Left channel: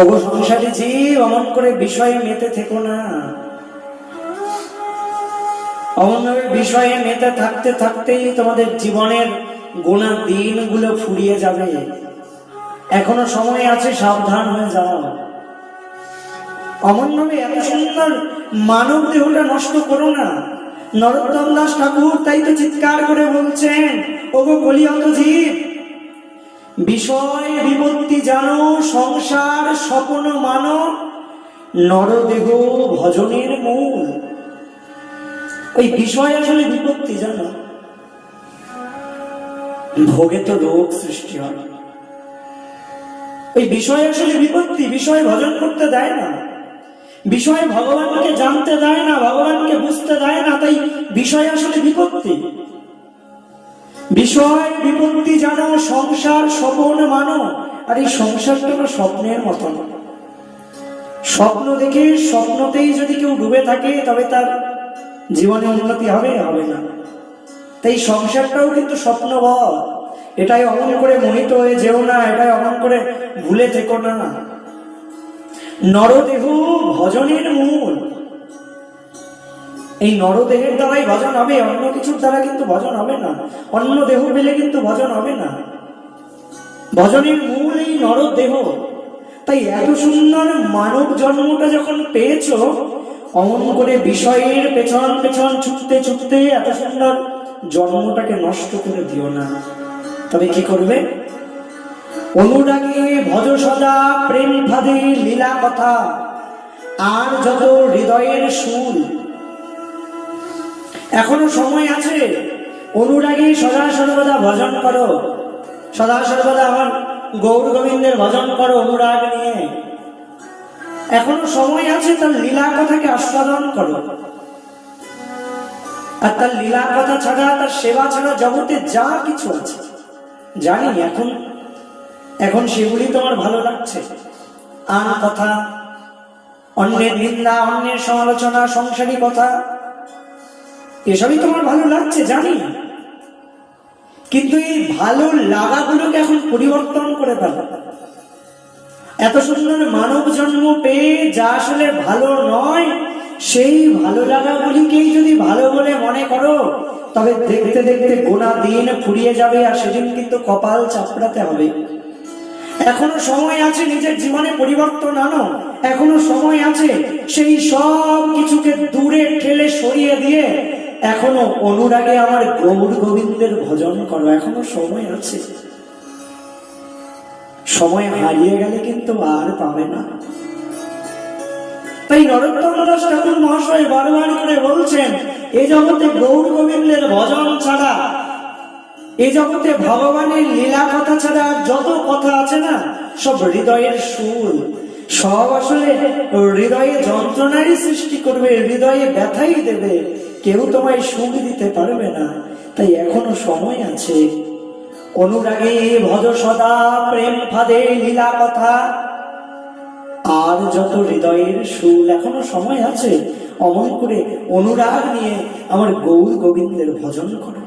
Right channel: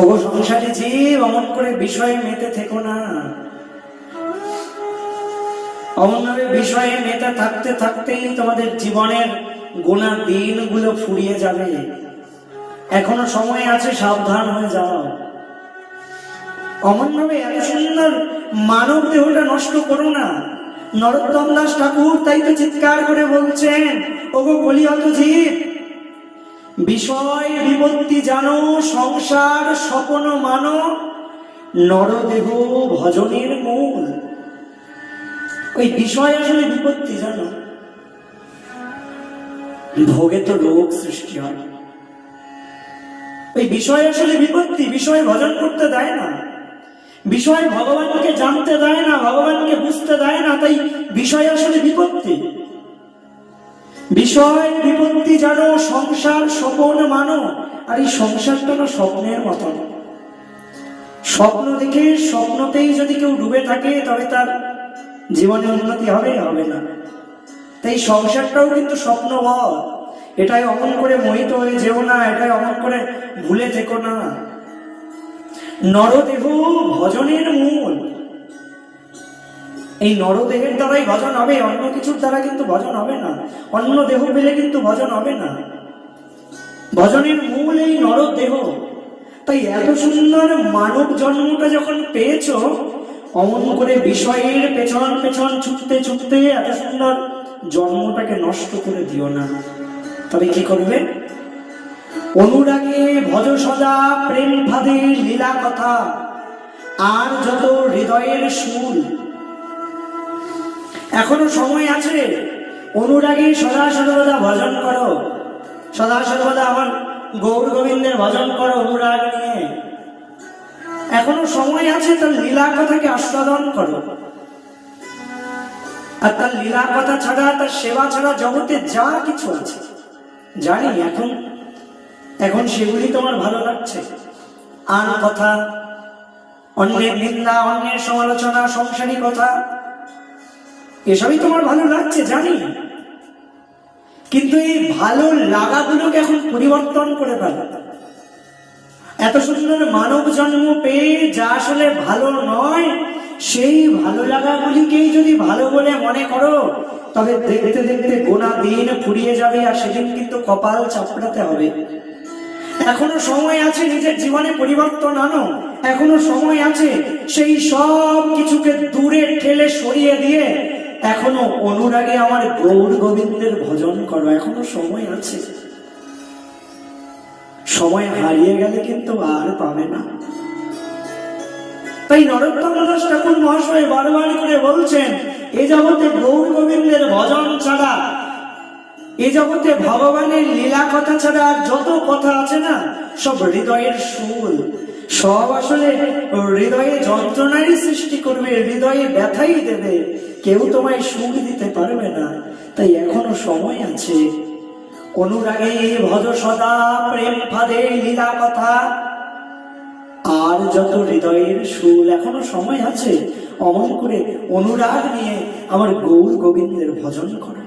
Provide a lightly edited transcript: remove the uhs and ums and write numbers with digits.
ওগো সংসারী জীব, অমন করে বিষয়ে মেতে থেকো না। অমনভাবে বিষয়ে মেতে থাকতে থাকতেই তোমাদের জীবনের গোনা দিনগুলো ফুরিয়ে যাবে। এখনো সময় আছে, সাবধান হয়ে যাও। অমনভাবে এত সুন্দর মানব দেহটা নষ্ট করো না। নরোত্তম দাস ঠাকুর তাই তো চিৎকার করে বলছেন, ওগো কলিহত জীব, বিষয় বিপত্তি জানো, সংসার স্বপ্ন মানো, নরদেহ ভজনের মূল। ওই বিষয় আসলে বিপত্তি জানো, ভোগে তো রোগ সৃষ্টি হয়। ওই বিষয় আসলে বিপত্তি, বিষয় ভজন করতে দেয় না, বিষয় ভগবানকে জানতে দেয় না, ভগবানকে বুঝতে দেয় না, তাই বিষয় আসলে বিপত্তি। বিষয় বিপত্তি জানো, সংসার স্বপ্ন মানো। আর এই সংসারটা না স্বপ্নের মতো। স্বপ্ন দেখে স্বপ্নতেই যদি কেউ ডুবে থাকে তবে তার জীবনে উন্নতি হবে হবে না। তাই সংসারটাও কিন্তু স্বপ্নবৎ। এটাই অমন করে মোহিত হয়ে যেও না, এটাই অমন করে ভুলে থেকো না। নরদেহ ভজনের মূল। এই নরদেহের দ্বারাই ভজন হবে, অন্য কিছুর দ্বারা কিন্তু ভজন হবে না। অন্য দেহ পেলে কিন্তু ভজন হবে না। ভজনের মূল এই নরদেহ। তাই এত সুন্দর মানব জন্মটা যখন পেয়েছ, অমন করে বিষয়ের পেছন পেছন ছুটতে ছুটতে এত সুন্দর জন্মটাকে নষ্ট করে দিও না। তবে কি করবে? অনুরাগে ভজ সদা প্রেম ভাদে লীলা কথা, আর যত হৃদয়ের সুর। এখনো সময় আছে, অনুরাগে সদা সর্বদা ভজন করো, সদা সর্বদা আমার গৌর গোবিন্দের ভজন করো অনুরাগ নিয়ে। এখনো সময় আছে, তার লীলা কথাকে আস্বাদন করো। আর তার লীলা কথা ছাড়া, তার সেবা ছাড়া জগতে যা কিছু আছে জানি, এখন সেগুলি তোমার ভালো লাগছে। আন কথা, অন্যের নিন্দা, অন্যের সমালোচনা, সংসারী কথা, এসবই তোমার ভালো লাগছে জানি। কিন্তু এই ভালো লাগাগুলোকে এখন পরিবর্তন করে ফেলো। এত সুন্দর মানব জন্ম পেয়ে যা আসলে ভালো নয়, সেই ভালো লাগাগুলিকেই যদি ভালো বলে মনে করো, তবে দেখতে দেখতে গোনা দিন ফুরিয়ে যাবে, আর সেদিন কিন্তু কপাল চাপড়াতে হবে। এখনো সময় আছে নিজের জীবনে পরিবর্তন আনো। এখনো সময় আছে সেই সব কিছুকে দূরে ঠেলে সরিয়ে দিয়ে এখনো অনুরাগে আমার গৌর গোবিন্দের ভজন করো। এখনো সময় আছে। সময় হারিয়ে গেলে কিন্তু আর পাবে না। তাই নরোত্তম দাস ঠাকুর মহাশয় বারবার করে বলছেন, এই জগতে গৌর গোবিন্দের ভজন ছাড়া, এই জগতে ভগবানের লীলা কথা ছাড়া আর যত কথা আছে না, সব হৃদয়ের সুর। সব আসলে হৃদয়ে যন্ত্রণারই সৃষ্টি করবে, হৃদয়ে ব্যথাই দেবে, কেউ তোমায় সুখ দিতে পারবে না। তাই এখনো সময় আছে। অনুরাগে ভজ সদা প্রেম ফাঁদে লীলা কথা, আর যত হৃদয়ের সুর। এখনো সময় আছে, অমন করে অনুরাগ নিয়ে আমার গৌর গোবিন্দের ভজন করো।